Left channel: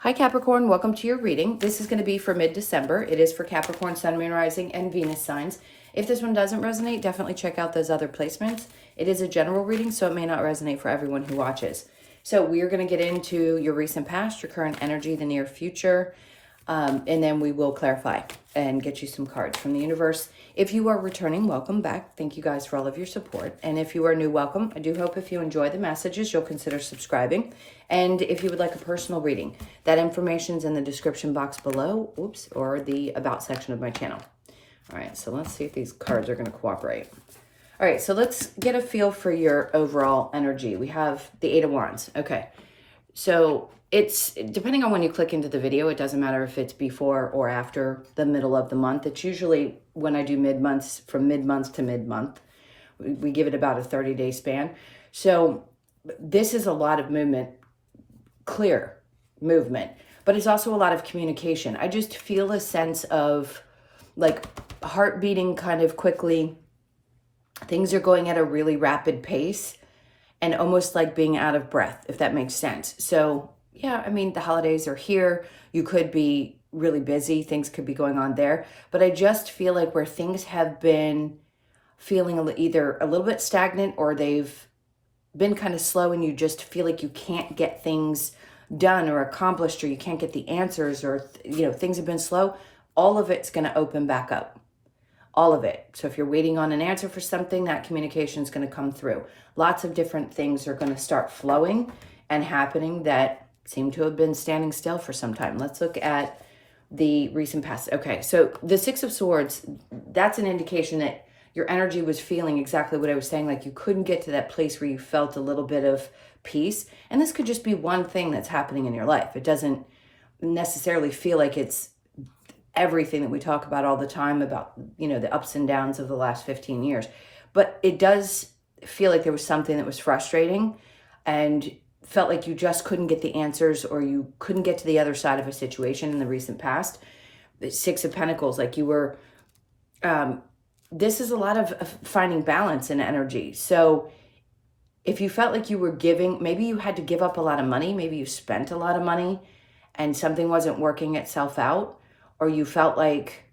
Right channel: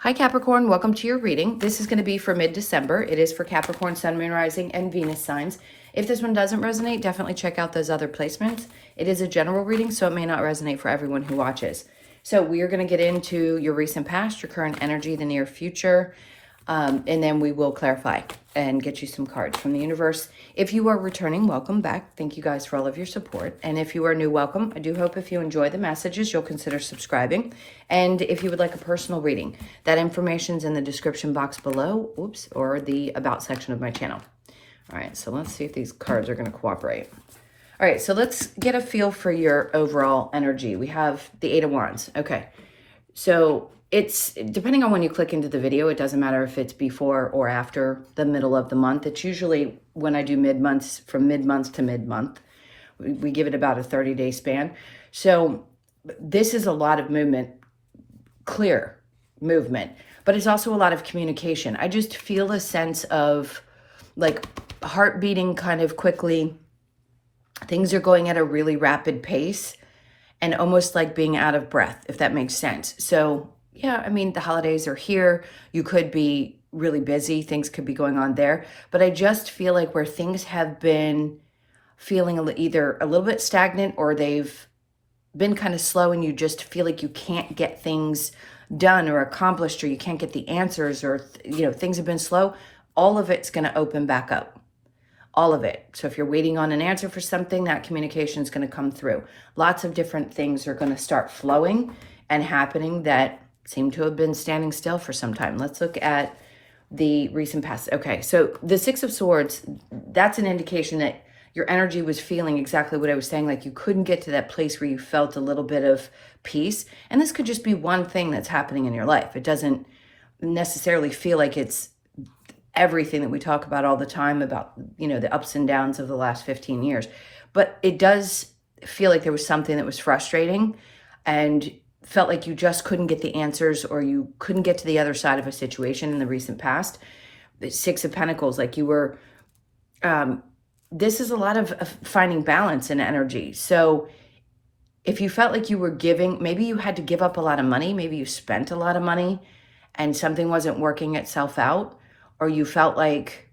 Hi Capricorn, welcome to your reading. This is going to be for mid-December. It is for Capricorn, Sun, Moon, Rising, and Venus signs. If this one doesn't resonate, definitely check out those other placements. It is a general reading, so it may not resonate for everyone who watches. So we are going to get into your recent past, your current energy, the near future, and then we will clarify and get you some cards from the universe. If you are returning, welcome back. Thank you guys for all of your support. And if you are new, welcome. I do hope if you enjoy the messages, you'll consider subscribing. And if you would like a personal reading, that information's in the description box below, or the about section of my channel. All right, so let's see if these cards are going to cooperate. All right, so let's get a feel for your overall energy. We have the Eight of Wands. Okay, so it's depending on when you click into the video, it doesn't matter if it's before or after the middle of the month. It's usually when I do mid-months, from mid-month to mid-month. We give it about a 30-day span. So this is a lot of movement, clear movement, but it's also a lot of communication. I just feel a sense of like heart beating kind of quickly. Things are going at a really rapid pace and almost like being out of breath, if that makes sense. So yeah, I mean, the holidays are here. You could be really busy. Things could be going on there. But I just feel like where things have been feeling either a little bit stagnant or they've been kind of slow and you just feel like you can't get things done or accomplished, or you can't get the answers, or things have been slow, all of it's going to open back up. All of it. So if you're waiting on an answer for something, that communication is going to come through. Lots of different things are going to start flowing and happening that seem to have been standing still for some time. Let's look at the recent past. Okay, so the Six of Swords, that's an indication that your energy was feeling exactly what I was saying, like you couldn't get to that place where you felt a little bit of peace. And this could just be one thing that's happening in your life. It doesn't necessarily feel like it's everything that we talk about all the time about, the ups and downs of the last 15 years. But it does feel like there was something that was frustrating and felt like you just couldn't get the answers, or you couldn't get to the other side of a situation in the recent past. The Six of Pentacles, like you were, this is a lot of finding balance and energy. So if you felt like you were giving, maybe you had to give up a lot of money, maybe you spent a lot of money and something wasn't working itself out, or you felt like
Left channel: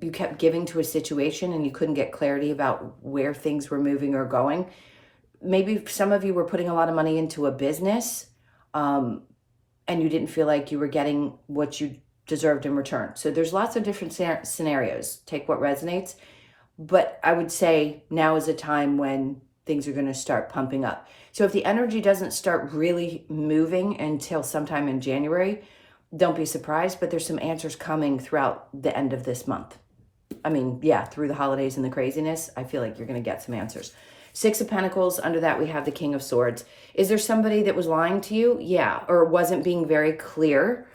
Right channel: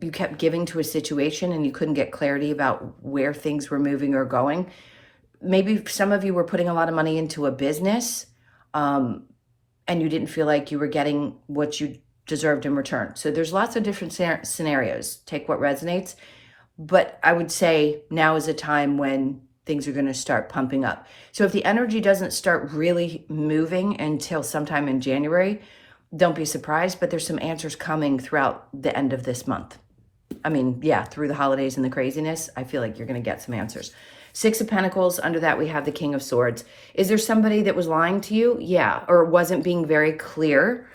you kept giving to a situation and you couldn't get clarity about where things were moving or going. Maybe some of you were putting a lot of money into a business and you didn't feel like you were getting what you deserved in return. So there's lots of different scenarios. Take what resonates. But I would say now is a time when things are going to start pumping up. So if the energy doesn't start really moving until sometime in January, don't be surprised, but there's some answers coming throughout the end of this month. I mean, yeah, through the holidays and the craziness, I feel like you're going to get some answers. Six of Pentacles, under that we have the King of Swords. Is there somebody that was lying to you? Yeah, or wasn't being very clear?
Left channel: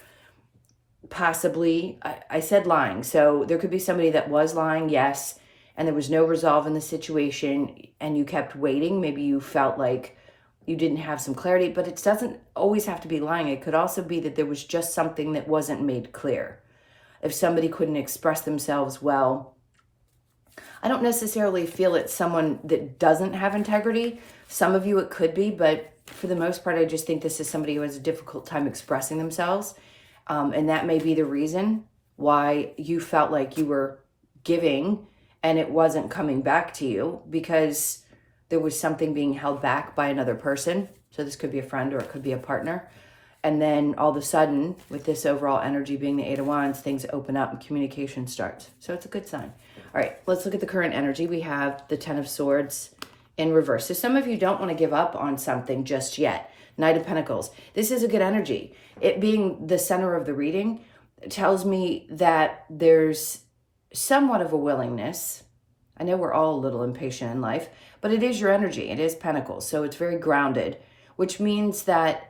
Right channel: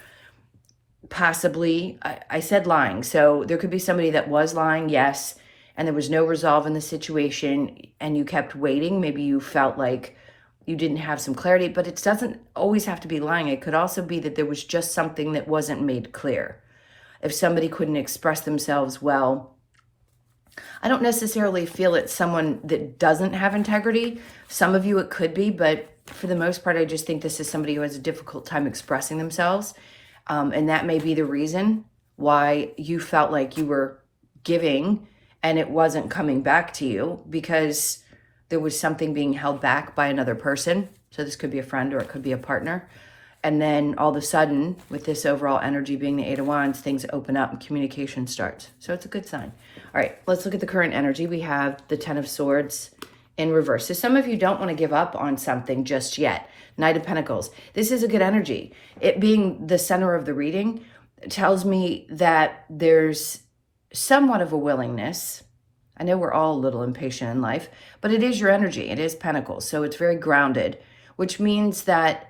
Possibly. I said lying, so there could be somebody that was lying, yes, and there was no resolve in the situation and you kept waiting. Maybe you felt like you didn't have some clarity, but it doesn't always have to be lying. It could also be that there was just something that wasn't made clear. If somebody couldn't express themselves well, I don't necessarily feel it's someone that doesn't have integrity. Some of you it could be, but for the most part, I just think this is somebody who has a difficult time expressing themselves. And that may be the reason why you felt like you were giving and it wasn't coming back to you, because there was something being held back by another person. So this could be a friend or it could be a partner. And then all of a sudden, with this overall energy being the Eight of Wands, things open up and communication starts. So it's a good sign. All right, let's look at the current energy. We have the Ten of Swords in reverse. So some of you don't want to give up on something just yet. Knight of Pentacles. This is a good energy. It being the center of the reading tells me that there's somewhat of a willingness. I know we're all a little impatient in life, but it is your energy. It is Pentacles. So it's very grounded, which means that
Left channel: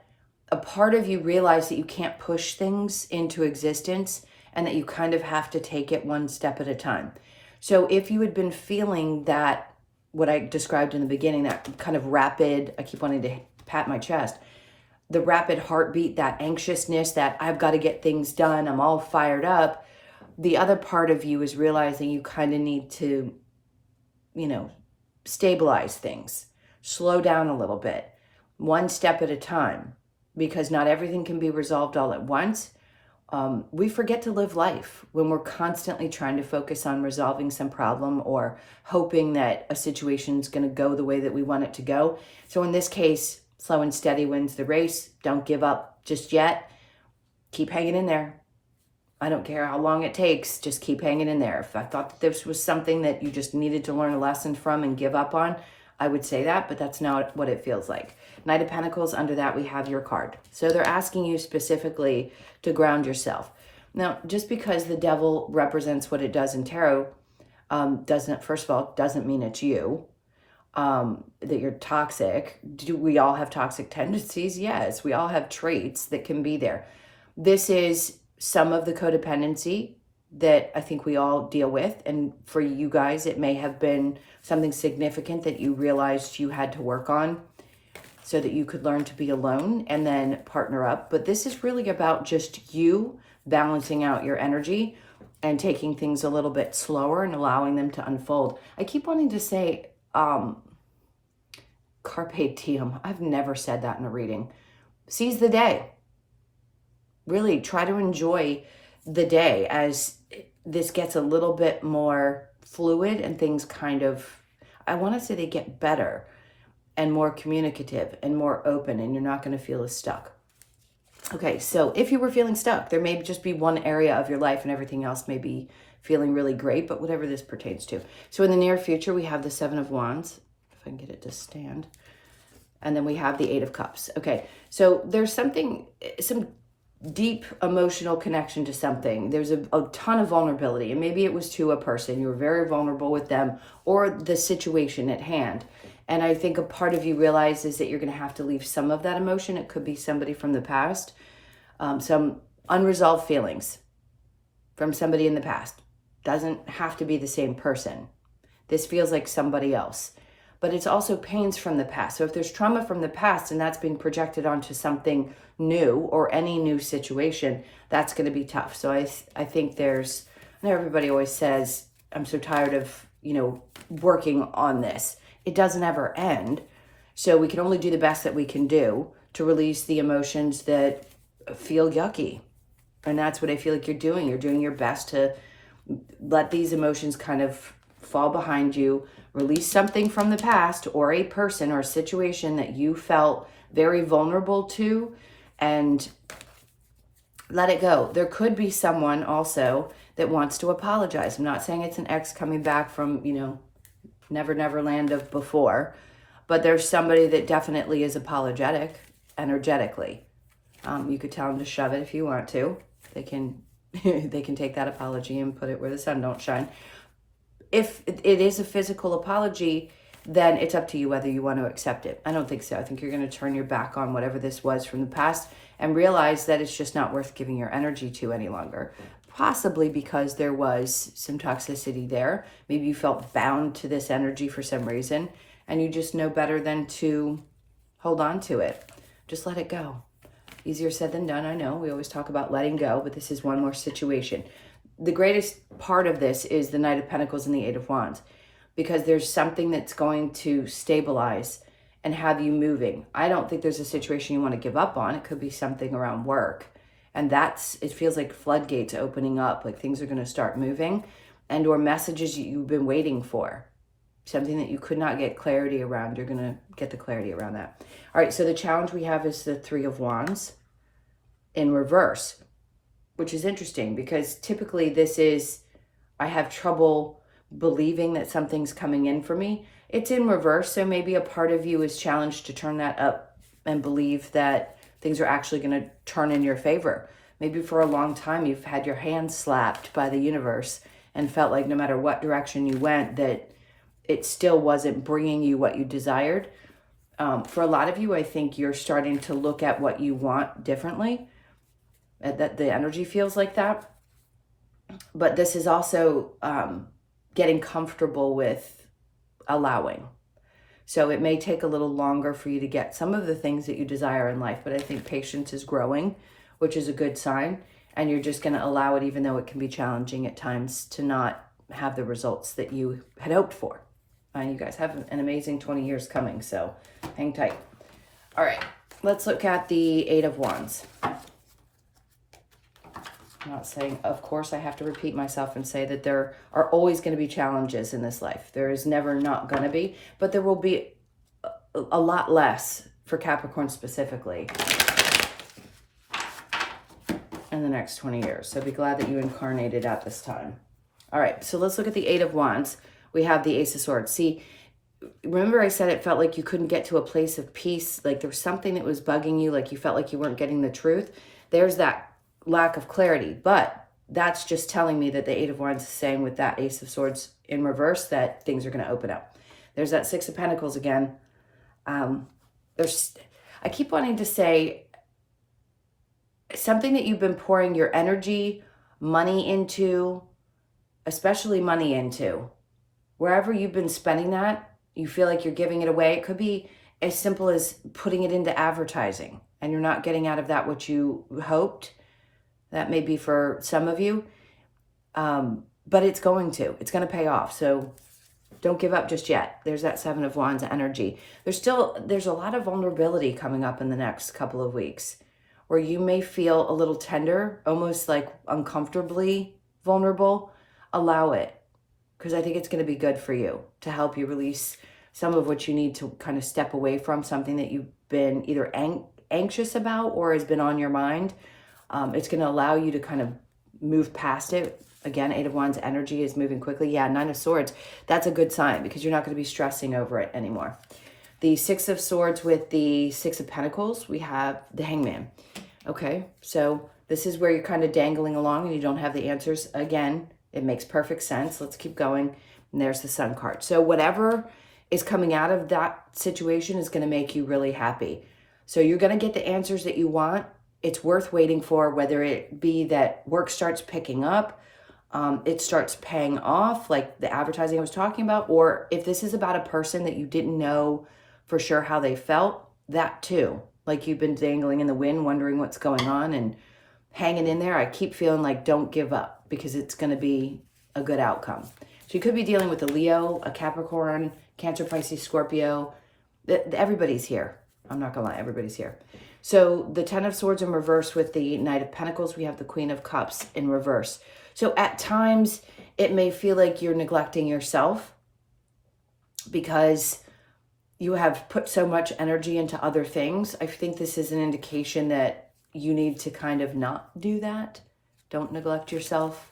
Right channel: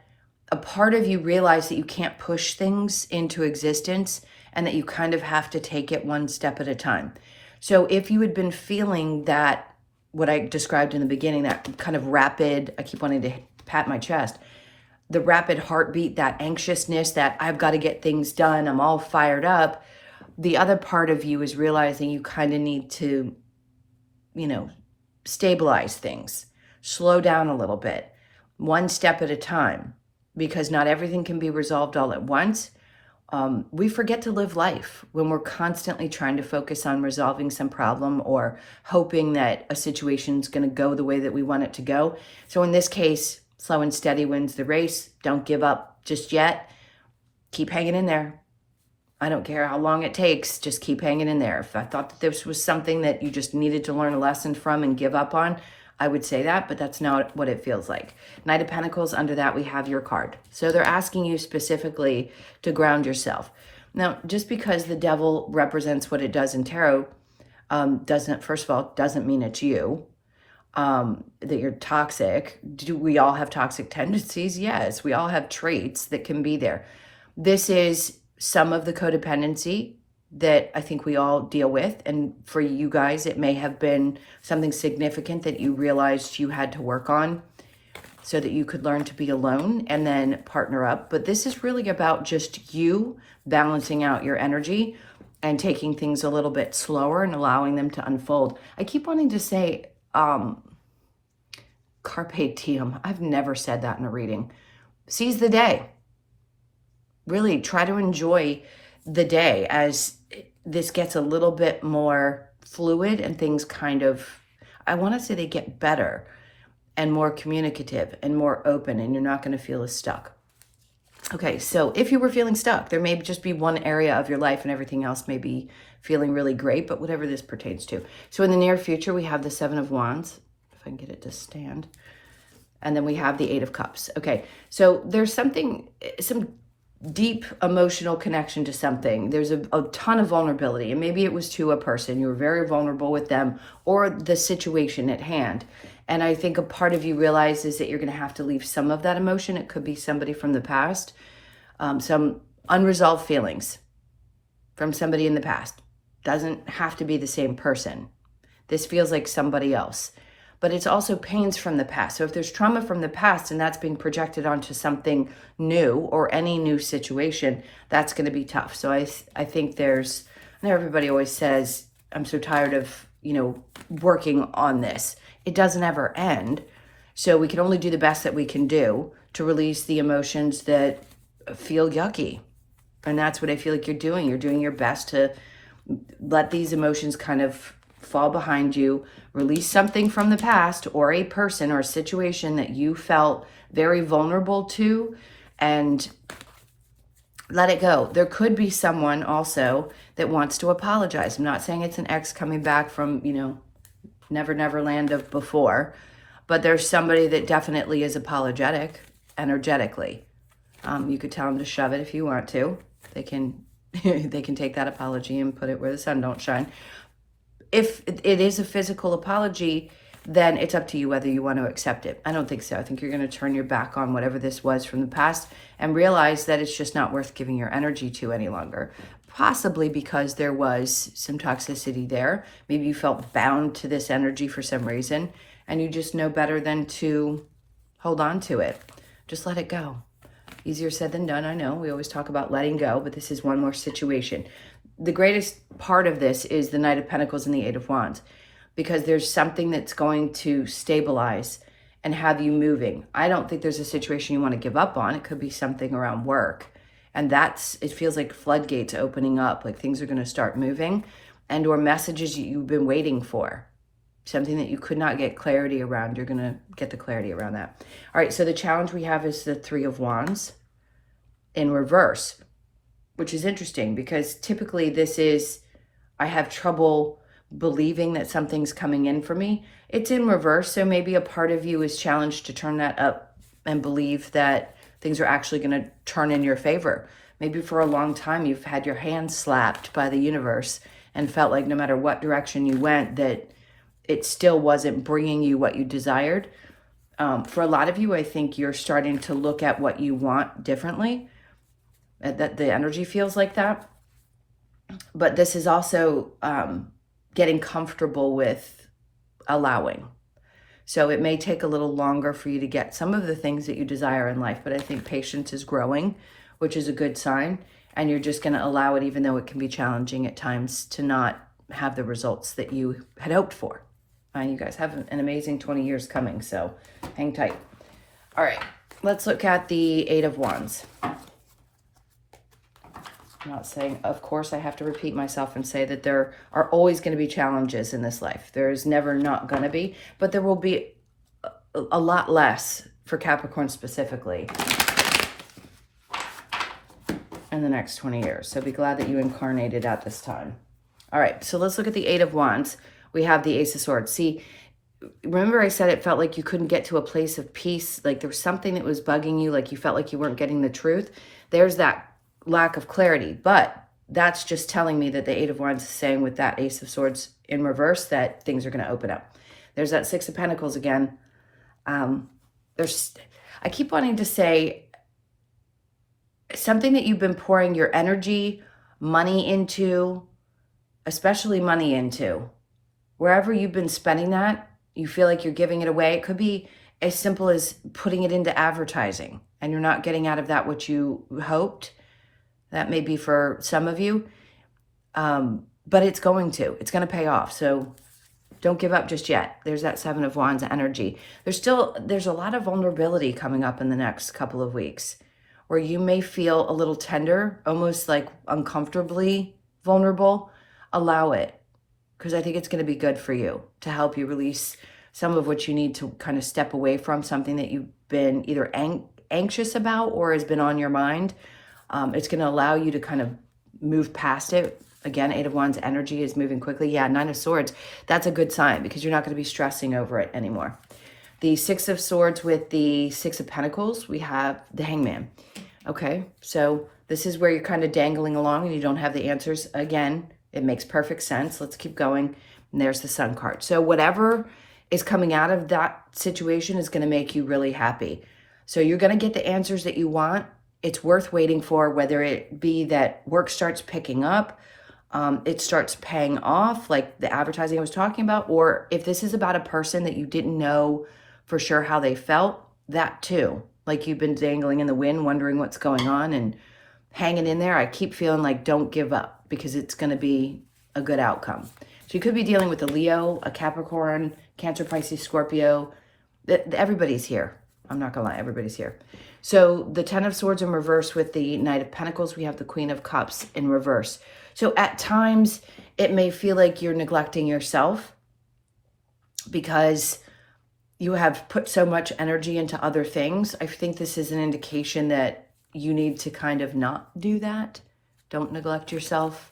a part of you realize that you can't push things into existence and that you kind of have to take it one step at a time. So if you had been feeling that, what I described in the beginning, that kind of rapid, I keep wanting to pat my chest, the rapid heartbeat, that anxiousness, that I've got to get things done, I'm all fired up. The other part of you is realizing you kind of need to, stabilize things, slow down a little bit, one step at a time. because not everything can be resolved all at once. We forget to live life when we're constantly trying to focus on resolving some problem or hoping that a situation's going to go the way that we want it to go. So in this case, slow and steady wins the race. Don't give up just yet. Keep hanging in there. I don't care how long it takes. Just keep hanging in there. If I thought that this was something that you just needed to learn a lesson from and give up on, I would say that, but that's not what it feels like. Knight of Pentacles, under that we have your card. So they're asking you specifically to ground yourself. Now, just because the devil represents what it does in tarot, first of all, doesn't mean it's you, that you're toxic. Do we all have toxic tendencies? Yes, we all have traits that can be there. This is some of the codependency that I think we all deal with. And for you guys, it may have been something significant that you realized you had to work on so that you could learn to be alone and then partner up. But this is really about just you balancing out your energy and taking things a little bit slower and allowing them to unfold. I keep wanting to say carpe diem. I've never said that in a reading. Seize the day. Really try to enjoy the day as this gets a little bit more fluid and things kind of, I want to say they get better and more communicative and more open, and you're not going to feel as stuck. Okay, so if you were feeling stuck, there may just be one area of your life and everything else may be feeling really great, but whatever this pertains to. So in the near future, we have the Seven of Wands, if I can get it to stand. And then we have the Eight of Cups. Okay, so there's some deep emotional connection to something. There's a ton of vulnerability, and maybe it was to a person. You were very vulnerable with them or the situation at hand. And I think a part of you realizes that you're going to have to leave some of that emotion. It could be somebody from the past, some unresolved feelings from somebody in the past. Doesn't have to be the same person. This feels like somebody else. But it's also pains from the past. So if there's trauma from the past and that's being projected onto something new or any new situation, that's going to be tough. So I think I know everybody always says, I'm so tired of, working on this. It doesn't ever end. So we can only do the best that we can do to release the emotions that feel yucky. And that's what I feel like you're doing. You're doing your best to let these emotions kind of fall behind you, release something from the past or a person or a situation that you felt very vulnerable to, and let it go. There could be someone also that wants to apologize. I'm not saying it's an ex coming back from, never land of before, but there's somebody that definitely is apologetic energetically. You could tell them to shove it if you want to. They can take that apology and put it where the sun don't shine. If it is a physical apology, then it's up to you whether you want to accept it. I don't think so. I think you're going to turn your back on whatever this was from the past and realize that it's just not worth giving your energy to any longer. Possibly because there was some toxicity there. Maybe you felt bound to this energy for some reason, and you just know better than to hold on to it. Just let it go. Easier said than done, I know. We always talk about letting go, but this is one more situation. The greatest part of this is the Knight of Pentacles and the Eight of Wands, because there's something that's going to stabilize and have you moving. I don't think there's a situation you want to give up on. It could be something around work. And it feels like floodgates opening up, like things are going to start moving, and or messages you've been waiting for. Something that you could not get clarity around, you're going to get the clarity around that. All right, so the challenge we have is the Three of Wands in reverse, which is interesting because typically this is, I have trouble believing that something's coming in for me. It's in reverse, so maybe a part of you is challenged to turn that up and believe that things are actually going to turn in your favor. Maybe for a long time you've had your hand slapped by the universe and felt like no matter what direction you went, that it still wasn't bringing you what you desired. For a lot of you, I think you're starting to look at what you want differently. That the energy feels like that. But this is also getting comfortable with allowing. So it may take a little longer for you to get some of the things that you desire in life, but I think patience is growing, which is a good sign. And you're just going to allow it, even though it can be challenging at times, to not have the results that you had hoped for. You guys have an amazing 20 years coming, so hang tight. All right. Let's look at the Eight of Wands. I'm not saying, of course, I have to repeat myself and say that there are always going to be challenges in this life. There is never not going to be, but there will be a lot less for Capricorn specifically in the next 20 years. So be glad that you incarnated at this time. All right, so let's look at the Eight of Wands. We have the Ace of Swords. See, remember I said it felt like you couldn't get to a place of peace, like there was something that was bugging you, like you felt like you weren't getting the truth. There's that lack of clarity, but that's just telling me that the Eight of Wands is saying with that Ace of Swords in reverse that things are going to open up. There's that Six of Pentacles again. I keep wanting to say something that you've been pouring your energy, money into, especially money into, wherever you've been spending that, you feel like you're giving it away. It could be as simple as putting it into advertising and you're not getting out of that what you hoped. That may be for some of you, but it's going to pay off. So don't give up just yet. There's that Seven of Wands energy. There's a lot of vulnerability coming up in the next couple of weeks where you may feel a little tender, almost like uncomfortably vulnerable. Allow it, because I think it's going to be good for you to help you release some of what you need to kind of step away from, something that you've been either anxious about or has been on your mind. It's going to allow you to kind of move past it. Again, Eight of Wands energy is moving quickly. Yeah, Nine of Swords, that's a good sign because you're not going to be stressing over it anymore. The Six of Swords with the Six of Pentacles, we have the Hangman. Okay, so this is where you're kind of dangling along and you don't have the answers. Again, it makes perfect sense. Let's keep going. And there's the Sun card. So whatever is coming out of that situation is going to make you really happy. So you're going to get the answers that you want. It's worth waiting for, whether it be that work starts picking up, it starts paying off, like the advertising I was talking about, or if this is about a person that you didn't know for sure how they felt, that too. Like you've been dangling in the wind, wondering what's going on and hanging in there. I keep feeling like don't give up because it's going to be a good outcome. So you could be dealing with a Leo, a Capricorn, Cancer, Pisces, Scorpio. Everybody's here. I'm not going to lie, everybody's here. So the Ten of Swords in reverse with the Knight of Pentacles, we have the Queen of Cups in reverse. So at times it may feel like you're neglecting yourself because you have put so much energy into other things. I think this is an indication that you need to kind of not do that. Don't neglect yourself.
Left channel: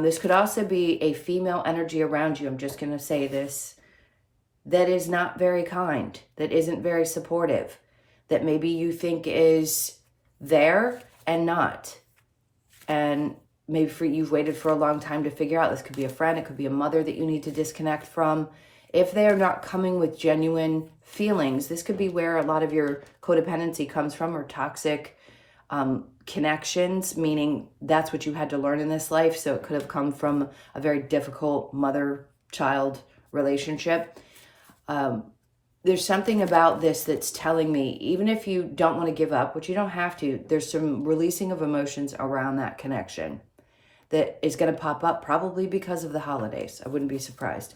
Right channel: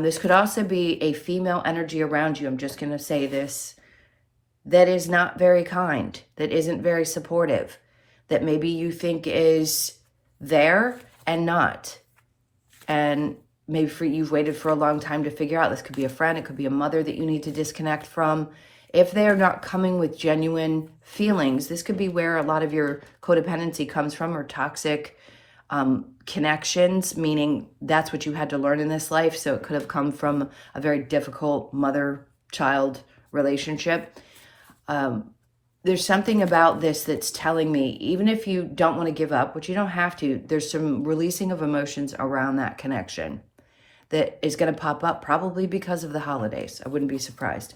This could also be a female energy around you. I'm just going to say this. That is not very kind. That isn't very supportive. That maybe you think is there and not. And maybe you've waited for a long time to figure out. This could be a friend. It could be a mother that you need to disconnect from. If they are not coming with genuine feelings, this could be where a lot of your codependency comes from, or toxic connections, meaning that's what you had to learn in this life. So it could have come from a very difficult mother-child relationship. There's something about this that's telling me, even if you don't want to give up, which you don't have to, there's some releasing of emotions around that connection that is going to pop up probably because of the holidays. I wouldn't be surprised.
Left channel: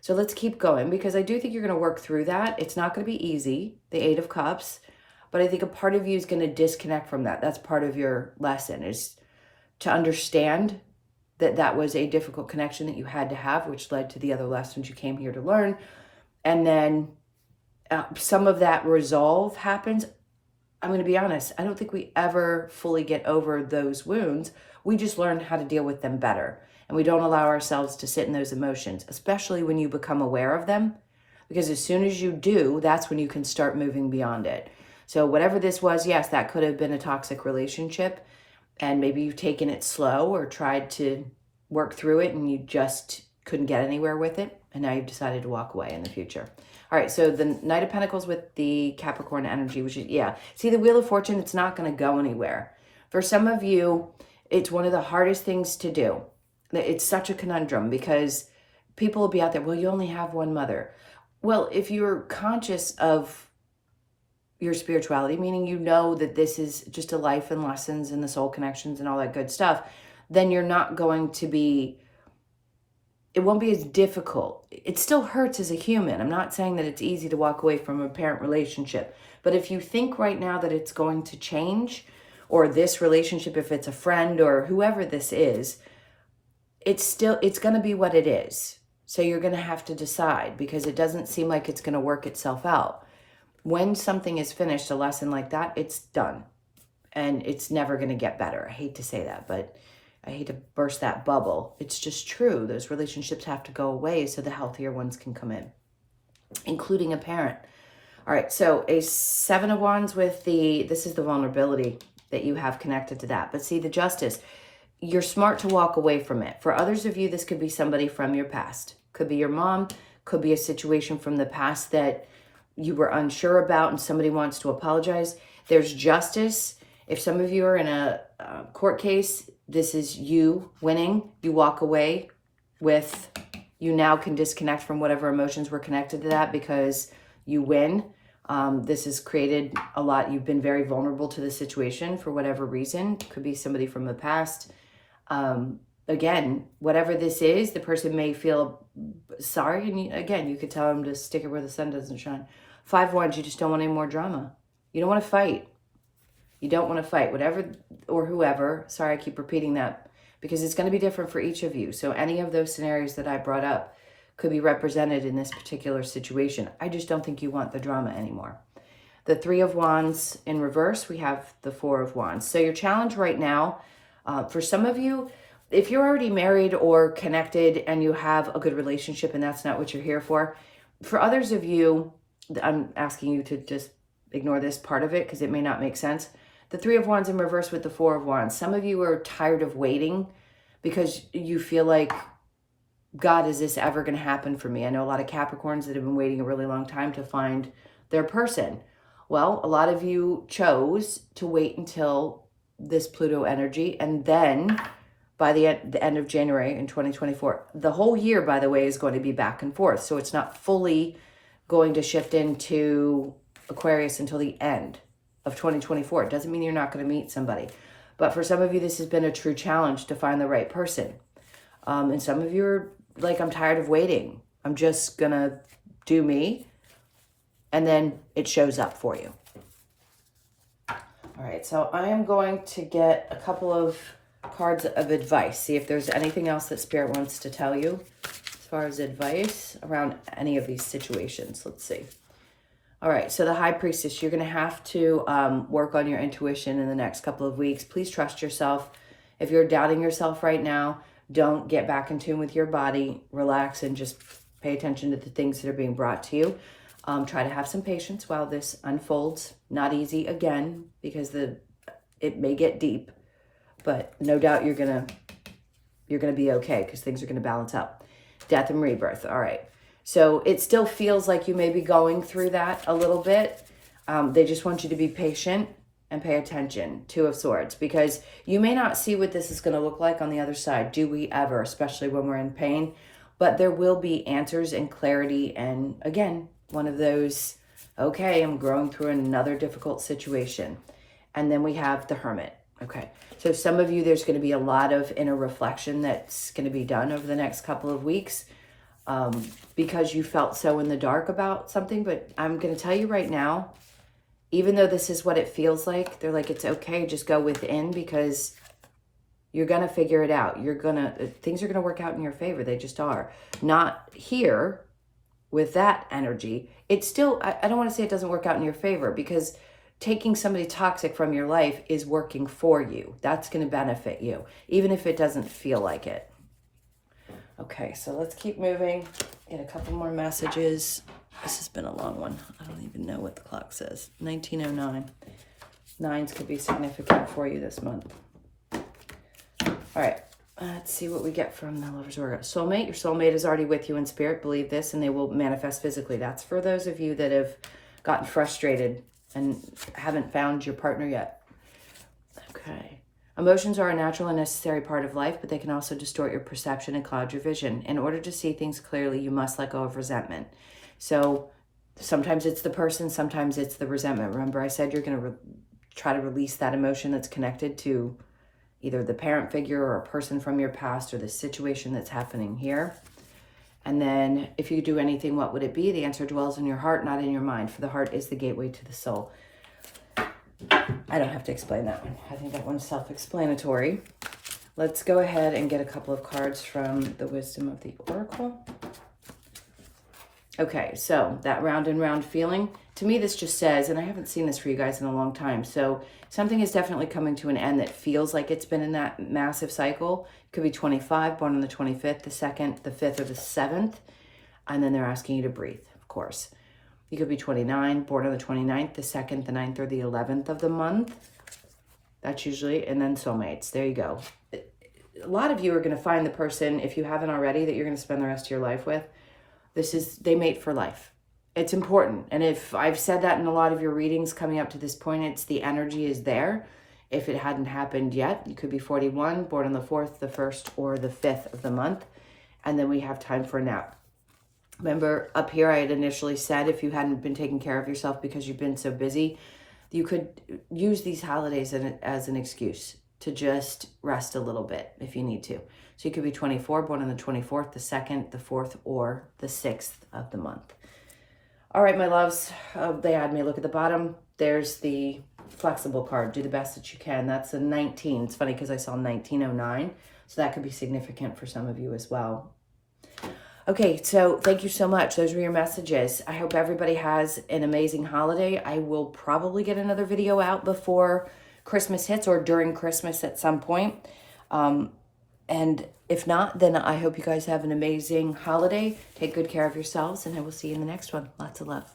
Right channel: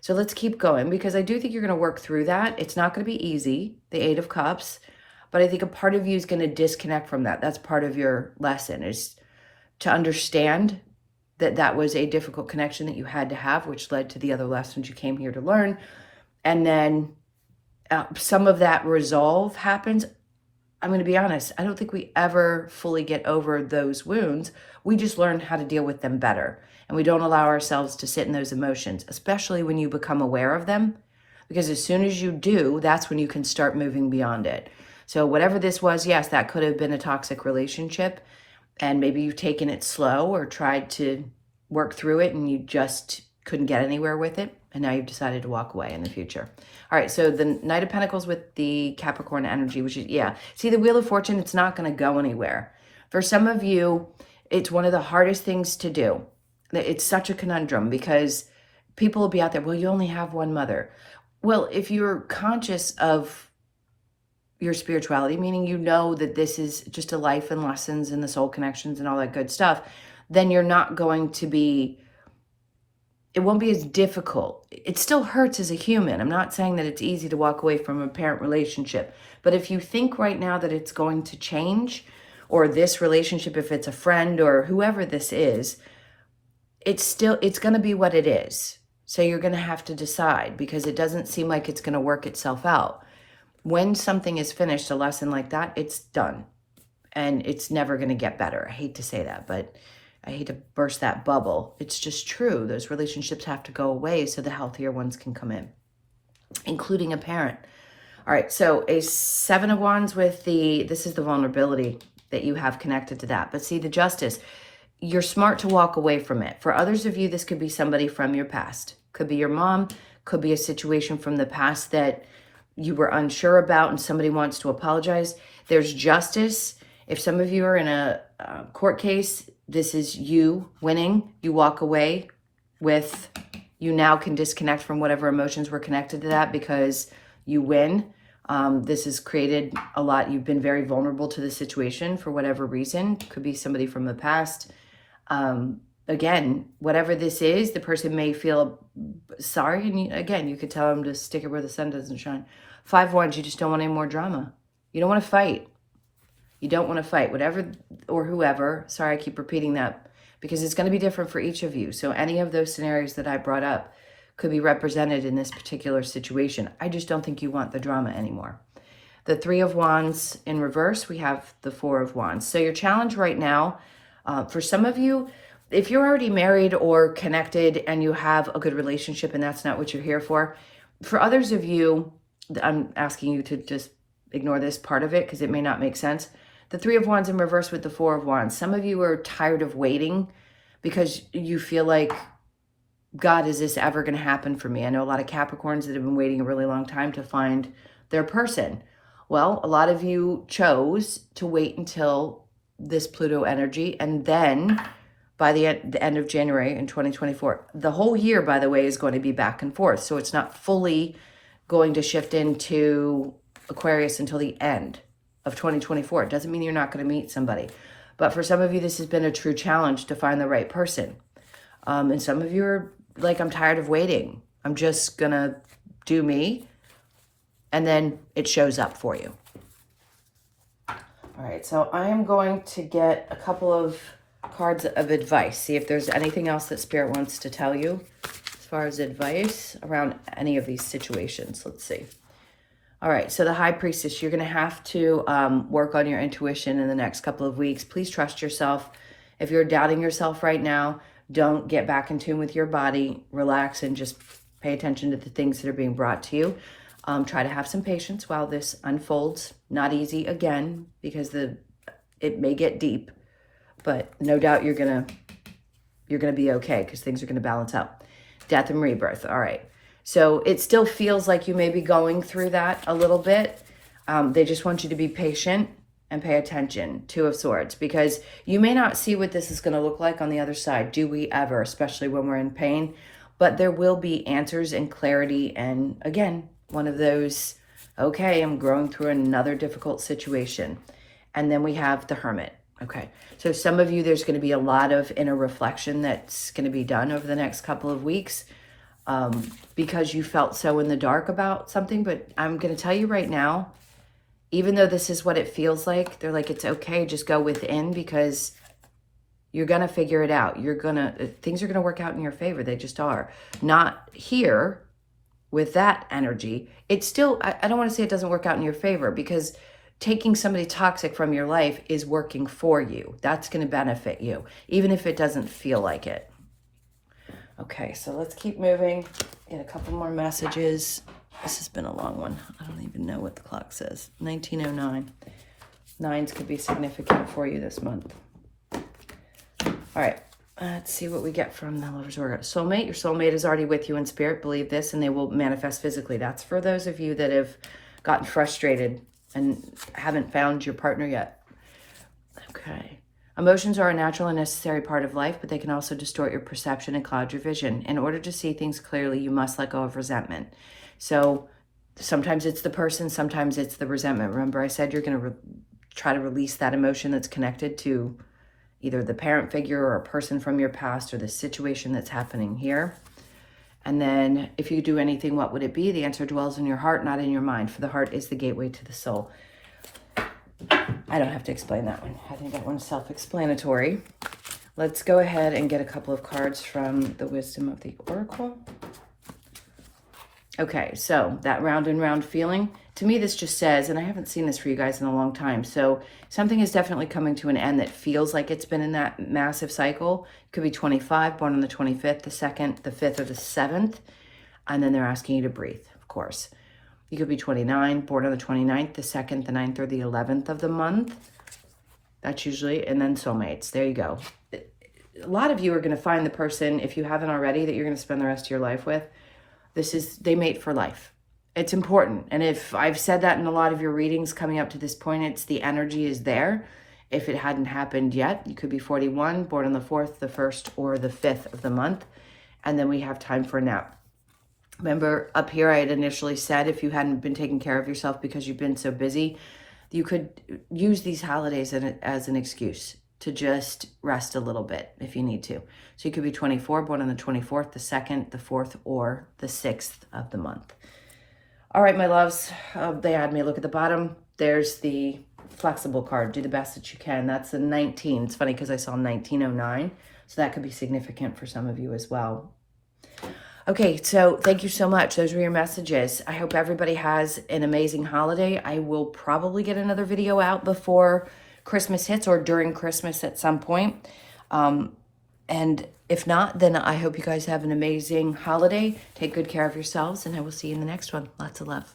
So let's keep going because I do think you're going to work through that. It's not going to be easy, the Eight of Cups, but I think a part of you is going to disconnect from that. That's part of your lesson, is to understand that that was a difficult connection that you had to have, which led to the other lessons you came here to learn. And then some of that resolve happens. I'm going to be honest, I don't think we ever fully get over those wounds. We just learn how to deal with them better. And we don't allow ourselves to sit in those emotions, especially when you become aware of them. Because as soon as you do, that's when you can start moving beyond it. So whatever this was, yes, that could have been a toxic relationship. And maybe you've taken it slow or tried to work through it and you just couldn't get anywhere with it. And now you've decided to walk away in the future. All right, so the Knight of Pentacles with the Capricorn energy, which is, yeah. See, the Wheel of Fortune, it's not going to go anywhere. For some of you, it's one of the hardest things to do. It's such a conundrum because people will be out there, well, you only have one mother. Well, if you're conscious of your spirituality, meaning you know that this is just a life and lessons and the soul connections and all that good stuff, then you're not going to be it won't be as difficult. It still hurts as a human. I'm not saying that it's easy to walk away from a parent relationship. But if you think right now that it's going to change, or this relationship, if it's a friend or whoever this is, it's going to be what it is. So you're going to have to decide, because it doesn't seem like it's going to work itself out. When something is finished, a lesson like that, it's done. And it's never going to get better. I hate to say that, but I hate to burst that bubble. It's just true. Those relationships have to go away so the healthier ones can come in, including a parent. All right, so a 7 of Wands with this is the vulnerability that you have connected to that. But see, the Justice, you're smart to walk away from it. For others of you, this could be somebody from your past. Could be your mom, could be a situation from the past that you were unsure about and somebody wants to apologize. There's justice. If some of you are in a court case, this is you winning. You walk away with, you now can disconnect from whatever emotions were connected to that because you win. This has created a lot. You've been very vulnerable to the situation for whatever reason. Could be somebody from the past. Again, whatever this is, the person may feel sorry. And you could tell them to stick it where the sun doesn't shine. 5 of Wands, you just don't want any more drama. You don't want to fight. You don't want to fight, whatever or whoever. Sorry, I keep repeating that because it's going to be different for each of you. So any of those scenarios that I brought up could be represented in this particular situation. I just don't think you want the drama anymore. The 3 of Wands in reverse, we have the 4 of Wands. So your challenge right now, for some of you, if you're already married or connected and you have a good relationship and that's not what you're here for others of you, I'm asking you to just ignore this part of it because it may not make sense. The 3 of Wands in reverse with the 4 of Wands. Some of you are tired of waiting because you feel like, God, is this ever going to happen for me? I know a lot of Capricorns that have been waiting a really long time to find their person. Well, a lot of you chose to wait until this Pluto energy, and then by the end of January in 2024, the whole year, by the way, is going to be back and forth. So it's not fully going to shift into Aquarius until the end of 2024. It doesn't mean you're not going to meet somebody. But for some of you, this has been a true challenge to find the right person. And some of you are like, I'm tired of waiting. I'm just going to do me. And then it shows up for you. All right, so I am going to get a couple of cards of advice. See if there's anything else that Spirit wants to tell you as far as advice around any of these situations. Let's see. All right, so the High Priestess, you're going to have to work on your intuition in the next couple of weeks. Please trust yourself. If you're doubting yourself right now, don't get back in tune with your body. Relax and just pay attention to the things that are being brought to you. Try to have some patience while this unfolds. Not easy again because it may get deep, but no doubt you're gonna be okay because things are gonna balance out. Death and rebirth. All right. So it still feels like you may be going through that a little bit. They just want you to be patient and pay attention. 2 of Swords, because you may not see what this is going to look like on the other side. Do we ever, especially when we're in pain? But there will be answers and clarity. And again, one of those, okay, I'm growing through another difficult situation. And then we have the Hermit. Okay. So some of you, there's going to be a lot of inner reflection that's going to be done over the next couple of weeks. Because you felt so in the dark about something. But I'm going to tell you right now, even though this is what it feels like, they're like, it's okay, just go within because you're going to figure it out. Things are going to work out in your favor. They just are. Not here with that energy. It's still, I don't want to say it doesn't work out in your favor because taking somebody toxic from your life is working for you. That's going to benefit you, even if it doesn't feel like it. Okay, so let's keep moving. Get a couple more messages. This has been a long one. I don't even know what the clock says. 1909. 9s could be significant for you this month. All right, let's see what we get from the Lover's Order. Soulmate. Your soulmate is already with you in spirit. Believe this, and they will manifest physically. That's for those of you that have gotten frustrated and haven't found your partner yet. Okay. Emotions are a natural and necessary part of life, but they can also distort your perception and cloud your vision. In order to see things clearly, you must let go of resentment. So sometimes it's the person, sometimes it's the resentment. Remember, I said you're going to try to release that emotion that's connected to either the parent figure or a person from your past or the situation that's happening here. And then if you do anything, what would it be? The answer dwells in your heart, not in your mind. For the heart is the gateway to the soul. I don't have to explain that one. I think that one's self-explanatory. Let's go ahead and get a couple of cards from the Wisdom of the Oracle. Okay, so that round and round feeling, to me this just says, and I haven't seen this for you guys in a long time, so something is definitely coming to an end that feels like it's been in that massive cycle. It could be 25, born on the 25th, the 2nd, the 5th, or the 7th, and then they're asking you to breathe, of course. You could be 29, born on the 29th, the 2nd, the 9th, or the 11th of the month. That's usually, and then soulmates. There you go. A lot of you are going to find the person, if you haven't already, that you're going to spend the rest of your life with. They mate for life. It's important. And if I've said that in a lot of your readings coming up to this point, it's the energy is there. If it hadn't happened yet, you could be 41, born on the 4th, the 1st, or the 5th of the month. And then we have time for now. Remember up here, I had initially said if you hadn't been taking care of yourself because you've been so busy, you could use these holidays as an excuse to just rest a little bit if you need to. So you could be 24, born on the 24th, the 2nd, the 4th, or the 6th of the month. All right, my loves, they had me look at the bottom. There's the flexible card. Do the best that you can. That's a 19. It's funny because I saw 1909, so that could be significant for some of you as well. Okay, so thank you so much. Those were your messages. I hope everybody has an amazing holiday. I will probably get another video out before Christmas hits or during Christmas at some point. And if not, then I hope you guys have an amazing holiday. Take good care of yourselves, and I will see you in the next one. Lots of love.